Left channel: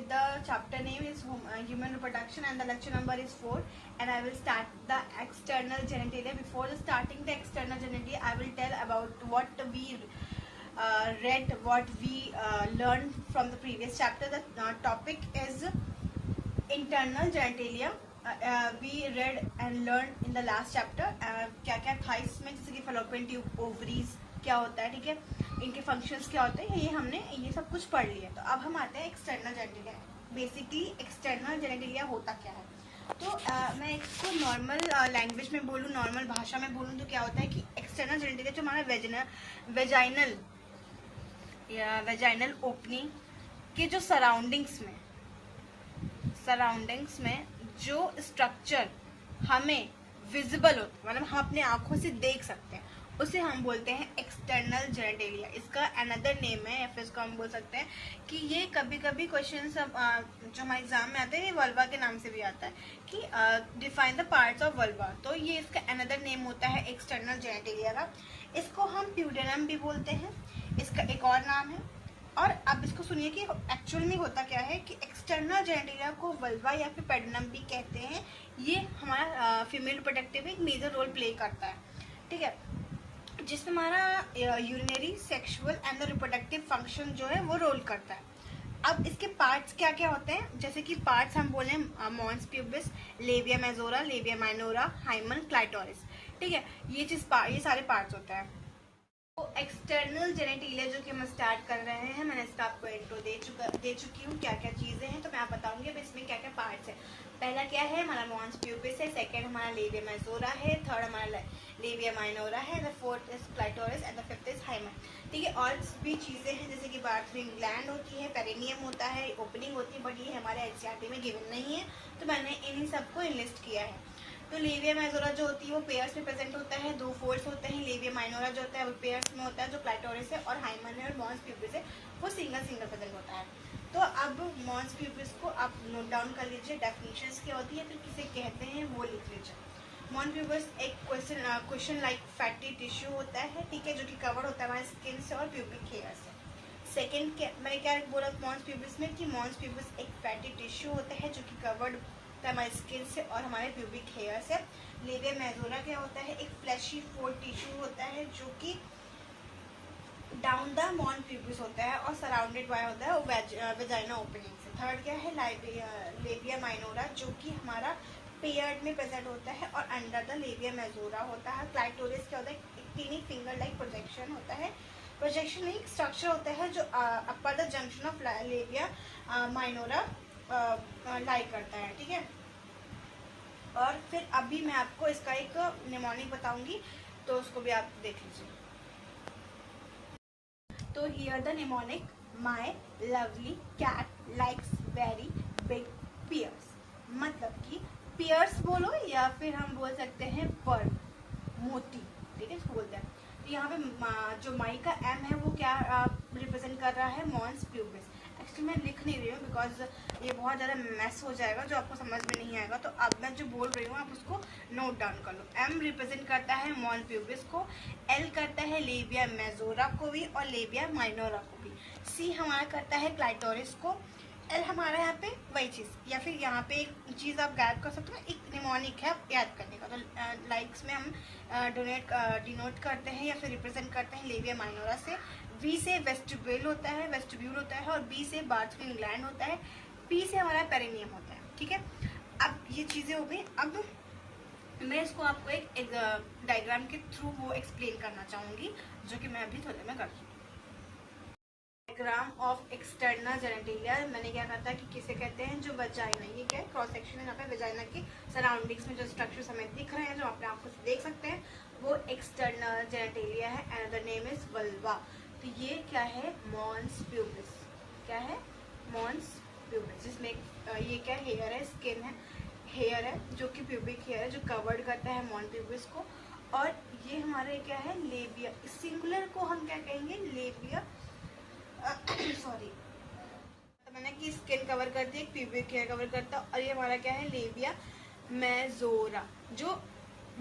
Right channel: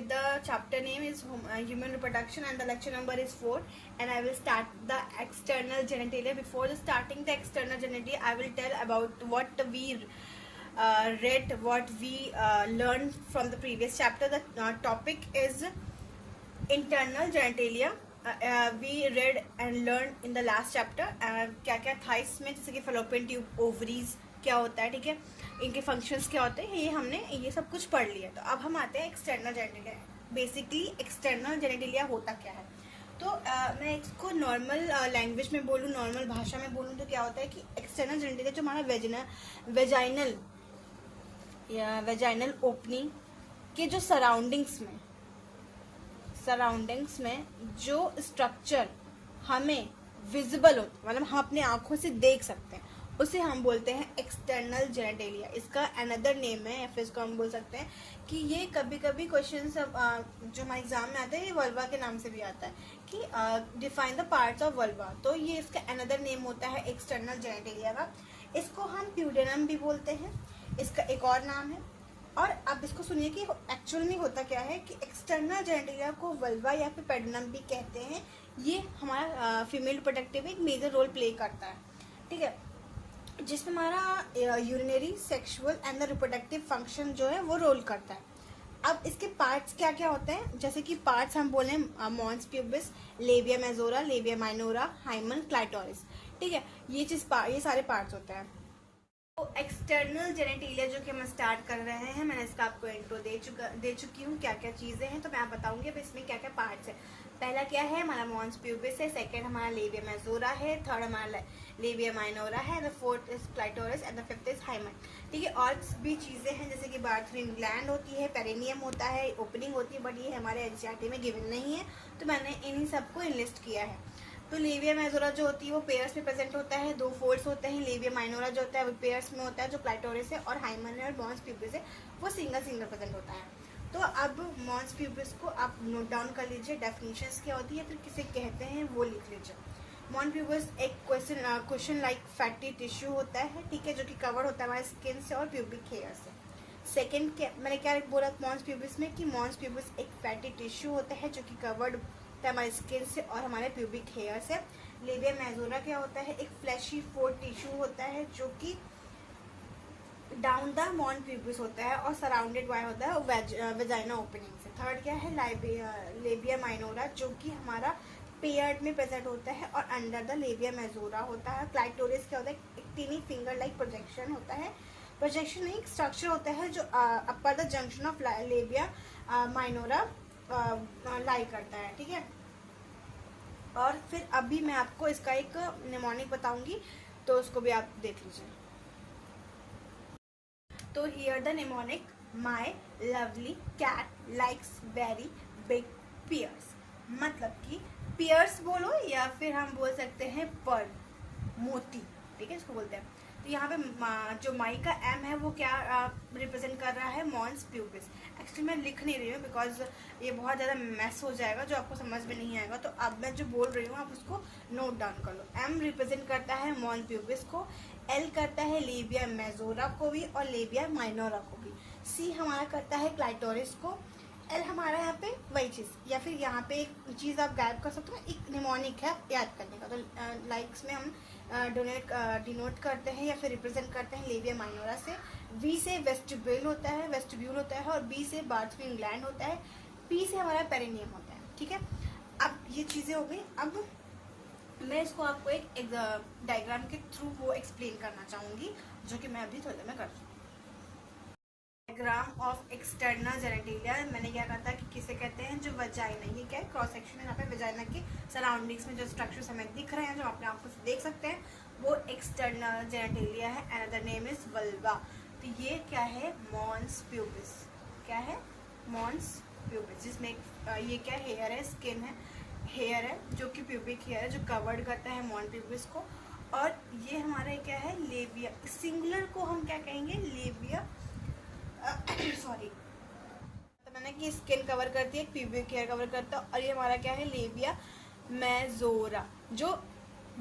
with the chapter name is human reproduction, and the lecture number is 4, and I will start the external genitalia. Before starting the external genitalia, I will tell about what we read, what we learned from the previous chapter. The topic is internal genitalia. We read and learned in the last chapter क्या क्या था इसमें, जैसे कि fallopian tube, ovaries क्या होता है, ठीक है, इनके फंक्शंस क्या होते हैं, ये हमने ये सब कुछ पढ़ लिया। तो अब हम आते हैं external genitalia. Basically external genitalia होता क्या है, तो मैं इसको नॉर्मल लैंग्वेज में बोलूँ, नॉर्मल भाषा में बोलूँ तो क्या होता है कि एक्सटर्नल जेनेटिलिया जो हमारा वेजाइनल ओपनिंग के जो सराउंडिंग्स में जो स्ट्रक्चर हमें विजिबल होता है, मतलब हम अपने आंखों से देख सकते हैं, उसे हम बोलते हैं एक्सटर्नल जेनेटिलिया। इसका अनदर नेम है, या फिर इसको हम बोल सकते हैं कि ये कभी कभी क्वेश्चन जो हमारे एग्जाम में आते हैं ये वल्वा के नाम से भी आता है कि define the parts of vulva. तो ये इसका अनदर नेम होता है एक्सटर्नल जेनेटिलिया का। इसको हम प्यूडेनम भी बोलते हैं, इसका एक और नाम है। और अब इसको सुनिए कि एक्चुअल में होता क्या है कि एक्सटर्नल जेनेटिलिया को वल्वा या फिर पेडनम भी कहते हैं। ये हमारा फीमेल रिप्रोडक्टिव में एक मेजर रोल प्ले करता है, ठीक है, जिसमें हमारा urinary, sexual and reproductive function जो है वो रोल करता है। अब इसके पार्ट्स क्या क्या होते हैं, जैसे कि पार्ट्स हम बोले mons pubis, labia majora, labia minora, hymen, clitoris, ठीक है, ये सारे पार्ट्स होते हैं। तो एक्सटर्नल जेनेटिलिया जो कि हम स्टार्ट कर रहे हैं, मैंने इसका आपको इंट्रो दे चुकी हूँ क्या क्या चीजें हैं, तो मैं आप बताऊंगी अब इसमें क्या क्या पार्ट्स है। पहला क्या है, हमारा मॉन्स प्यूबिस है, सेकंड हमारा लेबिया मेजोरा है, थर्ड हमारा लेबिया माइनोरा है, the fourth is clitoris and the fifth is hymen, ठीक है। और भी चीजें हैं जैसे कि बार्थरूम ग्लैंड होती है, पेरिनियम होता है, ओपनिंग होती है, बट ये हमारे एनसीईआरटी में गिवन नहीं है, तो मैंने इन्हीं सबको इनलिस्ट किया है। तो लेबिया मेजोरा जो होती है वो पेयर्स में प्रेजेंट होता है, 2 फोल्ड्स होते हैं। लेबिया माइनोरा जो होता है वो पेयर्स में होता है, जो क्लाइटोरिस है, और हाइमन और मॉन्स प्यूबिस है वो सिंगल प्रेजेंट होता है। तो अब मॉन्स प्यूबिस को आप नोट डाउन कर लीजिए, डेफिनेशंस क्या होती है, फिर किसे कहते हैं वो लिख लीजिए। मॉन्स प्यूबिस एक क्वेश्चन लाइक फैटी टिश्यू होता है, ठीक है, जो कि कवर होता है हमारे स्किन से और प्यूबिक हेयर से। सेकेंड मैंने क्या बोला मॉन्स प्यूबिस में कि मॉन्स प्यूबिस एक फैटी टिश्यू होता है जो कि कवर्ड हमारे स्किन से और हमारे प्यूबिक हेयर से। लेबिया मेजोरा क्या होता है, एक फ्लैशी फोर्ड टिश्यू होता है जो कि डाउन द मॉन प्यूबिस होता है और सराउंडेड बाय होता है वेजाइना ओपनिंग से। थर्ड क्या है, लेबिया माइनोरा जो कि हमारा पेयर्ड में प्रेजेंट होता है और अंडर द लेबिया मेजोरा होता है। क्लाइटोरिस क्या होता है, एक टीनी फिंगर लाइक प्रोजेक्शन होता है, प्रोजेक्शन नहीं स्ट्रक्चर होता है जो upper the junction of labia minora lie करता है, ठीक है। और फिर अभी मैं आपको इसका एक निमोनिक बताऊंगी, तो उसको भी आप देख लीजिए। तो here the mnemonic, my lovely cat likes very big pears, मतलब कि पियर्स बोलो या फिर हम बोल सकते हैं पर्ल, मोती, ठीक है, इसको बोलते हैं। तो यहाँ पे जो माई का एम है वो क्या रिप्रेजेंट कर रहा है, मॉन्स प्यूबिस। एक्चुअली मैं लिख नहीं रही हूँ बिकॉज ये बहुत ज़्यादा मैस हो जाएगा जो आपको समझ में नहीं आएगा, तो अब मैं जो बोल रही हूँ आप उसको नोट डाउन कर लो। एम रिप्रेजेंट करता है मॉन्स प्यूबिस को, एल करता है लेबिया मेजोरा को भी और लेबिया माइनोरा को भी, सी हमारा करता है क्लाइटोरिस को, एल हमारा यहाँ पे वही चीज़, या फिर यहाँ पे एक चीज़ आप गैप कर सकते हो, एक निमोनिक है याद करने का। तो लाइक्स में हम डिनोट करते हैं या फिर रिप्रेजेंट करते हैं लेबिया माइनोरा से। वी से वेस्टिब्यूल होता है और बी से बार्थरूम ग्लैंड होता है, पी से हमारा पेरिनियम होता है, ठीक है। अब ये चीज़ें हो गई। अब मैं इसको आपको एक डायग्राम के थ्रू वो एक्सप्लेन करना चाहूँगी, जो कि मैं अभी थोड़ी देर में करती हूँ। डायग्राम ऑफ एक्सटर्नल जेनेटिलिया, मैंने क्या कहा था कि किसे कहते हैं, जो वजाइना, ये क्या है क्रॉस सेक्शन है, यहाँ पे वजाइना की सराउंडिंग्स में जो स्ट्रक्चर्स हमें दिख रहे हैं, जो अपने आंखों से देख सकते हैं, वो एक्सटर्नल जेनेटिलिया है। Another name is vulva. तो ये क्या है, मॉन्स प्यूबिस, क्या है, मॉन्स प्यूबिस, जिसमें ये क्या हेयर है, स्किन है, हेयर है जो कि प्यूबिक हेयर है जो कवर्ड करता है मॉन प्यूबिस को। और ये हमारा क्या है, लेबिया, सिंगुलर को हम क्या कहेंगे, लेबिया सॉरी, तो मैंने कि स्किन कवर करती है, प्यूबिक हेयर कवर करता है, और ये हमारा क्या है, लेबिया मेजोरा, जो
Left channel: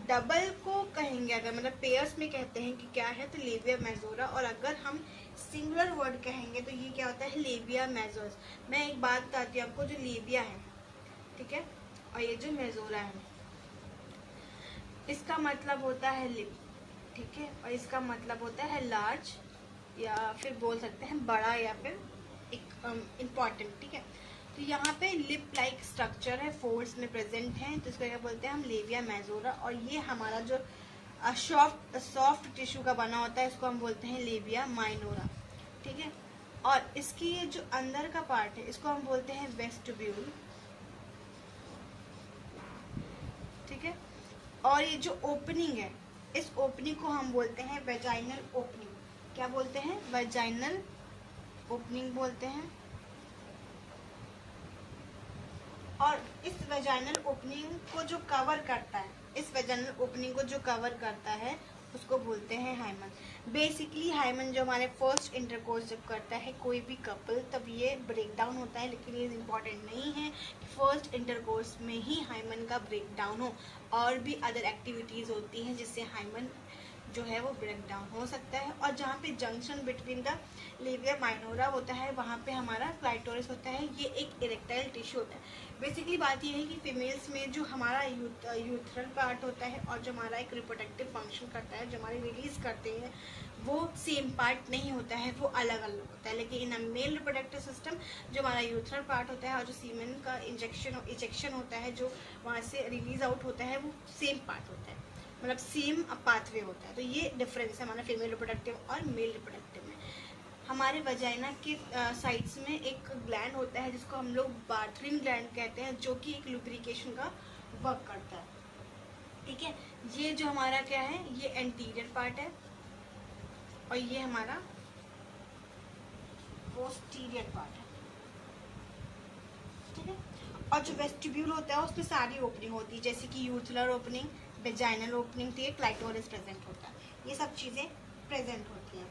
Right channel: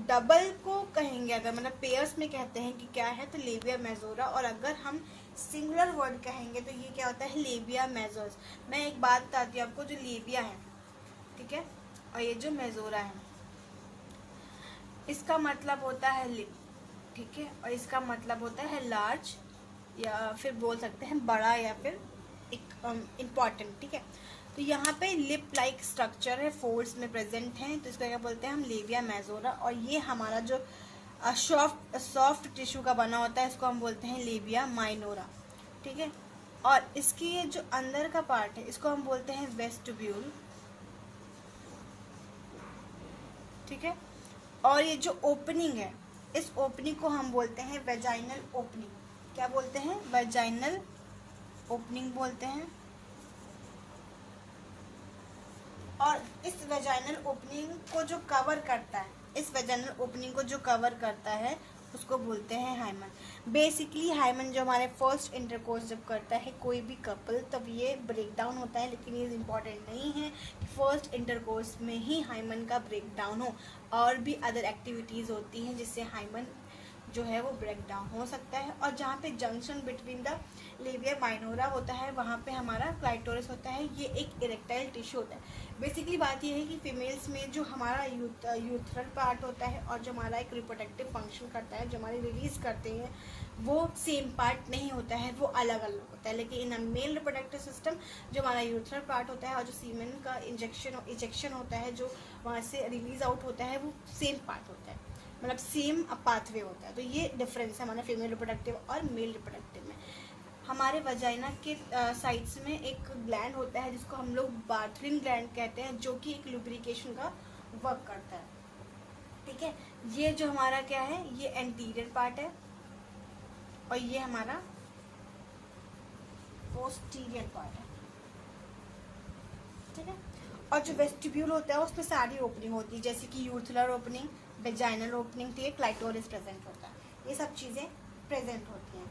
डबल को कहेंगे अगर, मतलब पेयर्स में कहते हैं कि क्या है, तो लेबिया मेजोरा। और अगर हम सिंगुलर वर्ड कहेंगे तो ये क्या होता है, लेबिया मेजोर्स। मैं एक बात बताती हूँ आपको, जो लेबिया है, ठीक है, और ये जो मेजोरा है, इसका मतलब होता है लिप, ठीक है, और इसका मतलब होता है लार्ज, या फिर बोल सकते हैं बड़ा, या फिर एक इम्पॉर्टेंट, ठीक है। तो यहाँ पे लिप लाइक स्ट्रक्चर है, फोल्ड्स में प्रेजेंट है, तो इसका क्या बोलते हैं हम, लेबिया मेजोरा। और ये हमारा जो सॉफ्ट टिश्यू का बना होता है, इसको हम बोलते हैं लेबिया माइनोरा, ठीक है। और इसकी ये जो अंदर का पार्ट है, इसको हम बोलते हैं वेस्टिब्यूल, ठीक है। और ये जो ओपनिंग है, इस ओपनिंग को हम बोलते हैं वेजाइनल ओपनिंग। क्या बोलते हैं, वेजाइनल ओपनिंग बोलते हैं। और इस वेजाइनल ओपनिंग को जो कवर करता है, इस वेजाइनल ओपनिंग को जो कवर करता है, उसको बोलते हैं हाइमन। बेसिकली हाइमन जो हमारे फर्स्ट इंटरकोर्स जब करता है कोई भी कपल, तब ये ब्रेक डाउन होता है, लेकिन ये इम्पॉर्टेंट नहीं है फर्स्ट इंटरकोर्स में ही हाइमन का ब्रेक डाउन हो। और भी अदर एक्टिविटीज़ होती हैं जिससे हाइमन जो है वो ब्रेक डाउन हो सकता है। और जहाँ पे junction between the labia minora होता है, वहाँ पे हमारा क्लाइटोरिस होता है। ये एक इरेक्टाइल टिश्यू होता है। बेसिकली बात ये है कि फीमेल्स में जो हमारा यूथरल पार्ट होता है और जो हमारा एक रिप्रोडक्टिव फंक्शन करता है, जो हमारे रिलीज करते हैं, वो सेम पार्ट नहीं होता है, वो अलग अलग होता है। लेकिन इन मेल रिप्रोडक्टिव सिस्टम जो हमारा यूथरल पार्ट होता है और जो सीमेन का इंजेक्शन होता है, जो वहाँ से रिलीज आउट होता है, वो सेम पार्ट होता है, मतलब सेम पाथवे होता है। तो ये डिफरेंस है हमारा फीमेल रिप्रोडक्टिव और मेल रिप्रोडक्टिव में। हमारे वजाइना के साइड्स में एक ग्लैंड होता है जिसको हम लोग बार्थरिन ग्लैंड कहते हैं, जो कि एक लुब्रिकेशन का वर्क करता है, ठीक है। ये जो हमारा क्या है, ये एंटीरियर पार्ट है और ये हमारा पोस्टीरियर पार्ट है, ठीक है। और जो वेस्टिब्यूल होता है उसमें सारी ओपनिंग होती है, जैसे कि यूथुलर ओपनिंग, वेजाइनल ओपनिंग, तो ये क्लाइटोरिस प्रेजेंट होता है, ये सब चीजें प्रेजेंट होती हैं।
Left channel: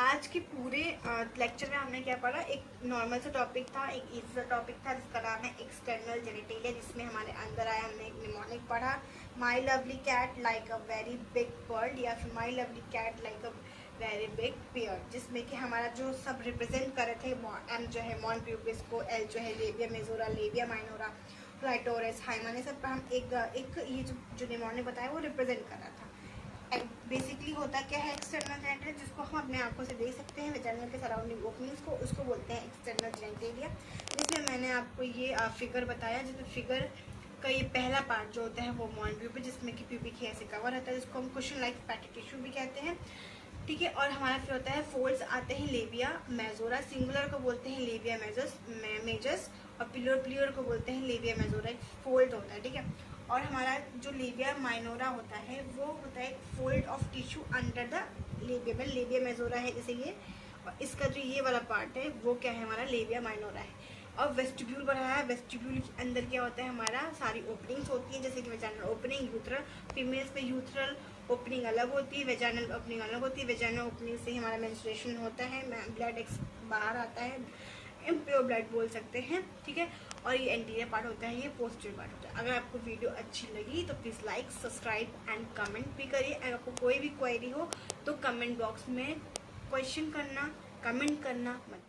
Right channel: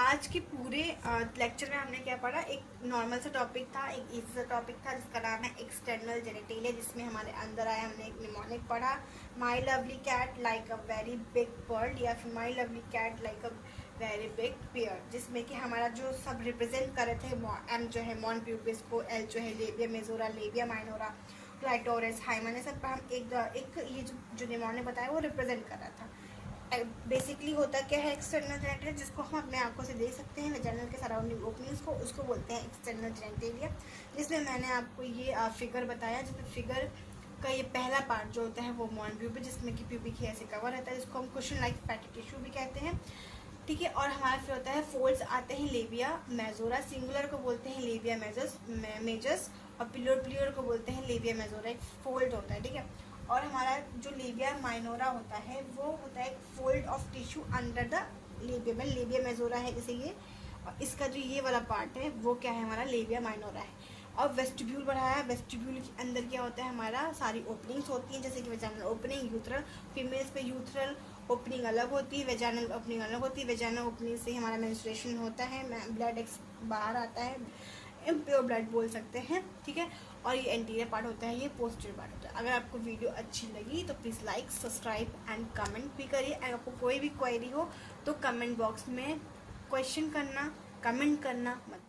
आज के पूरे लेक्चर में हमने क्या पढ़ा, एक नॉर्मल सा टॉपिक था, एक इजी सा टॉपिक था जिसका नाम है एक्सटर्नल जेनिटेलिया, जिसमें हमारे अंदर आया हमने एक निमोनिक पढ़ा, my lovely cat like a very big bird, या फिर my lovely cat like a very big pair, जिसमें कि हमारा जो सब रिप्रेजेंट कर रहे थे, एम जो है मॉन प्यूपिस को, एल जो है labia majora, labia minora, clitoris, hymen, सब पर हम एक ये जो निमोनिक बताया वो रिप्रेजेंट कर रहा था। बेसिकली होता क्या है एक्सटर्नल जेनिटेलिया, जिसको हम अपने आंखों से देख सकते हैं, वेजाइनल के सराउंडिंग ओपनिंग्स को, उसको बोलते हैं एक्सटर्नल जेनिटेलिया। जिसमें मैंने आपको ये फिगर बताया, जिसमें फिगर का ये पहला पार्ट जो होता है वो मॉन प्यूपिक, जिसमें कि प्यूपिक हेयर से कवर रहता है, जिसको हम कुशन लाइक फैटी टिश्यू भी कहते हैं, ठीक है। और हमारा फिर होता है फोल्ड्स आते हैं लेबिया मेजोरा, सिंगुलर को बोलते हैं लेबिया मेजर्स, और प्लूरल को बोलते हैं लेबिया मेजोरा, एक फोल्ड होता है, ठीक है। और हमारा जो लेबिया माइनोरा होता है वो होता है fold of tissue under the labia, labia majora है जैसे ये, और इसका जो ये वाला पार्ट है वो क्या है, हमारा लेबिया माइनोरा है। और वेस्टिब्यूल बढ़ाया, वेस्टिब्यूल के अंदर क्या होता है, हमारा सारी ओपनिंग्स होती हैं, जैसे कि वेजाइनल ओपनिंग, यूथरल, फीमेल्स पे यूथरल ओपनिंग अलग होती है, वेजाइनल ओपनिंग अलग होती है। वेजाइनल ओपनिंग से हमारा मेंस्ट्रुएशन होता है, ब्लड बाहर आता है, इम्प्योर ब्लड बोल सकते हैं, ठीक है। और ये एंटीरियर पार्ट होता है, ये पोस्टीरियर पार्ट होता है। अगर आपको वीडियो अच्छी लगी तो please like, subscribe and comment भी करिए। अगर आपको कोई भी क्वेरी हो तो कमेंट बॉक्स में क्वेश्चन करना, कमेंट करना मत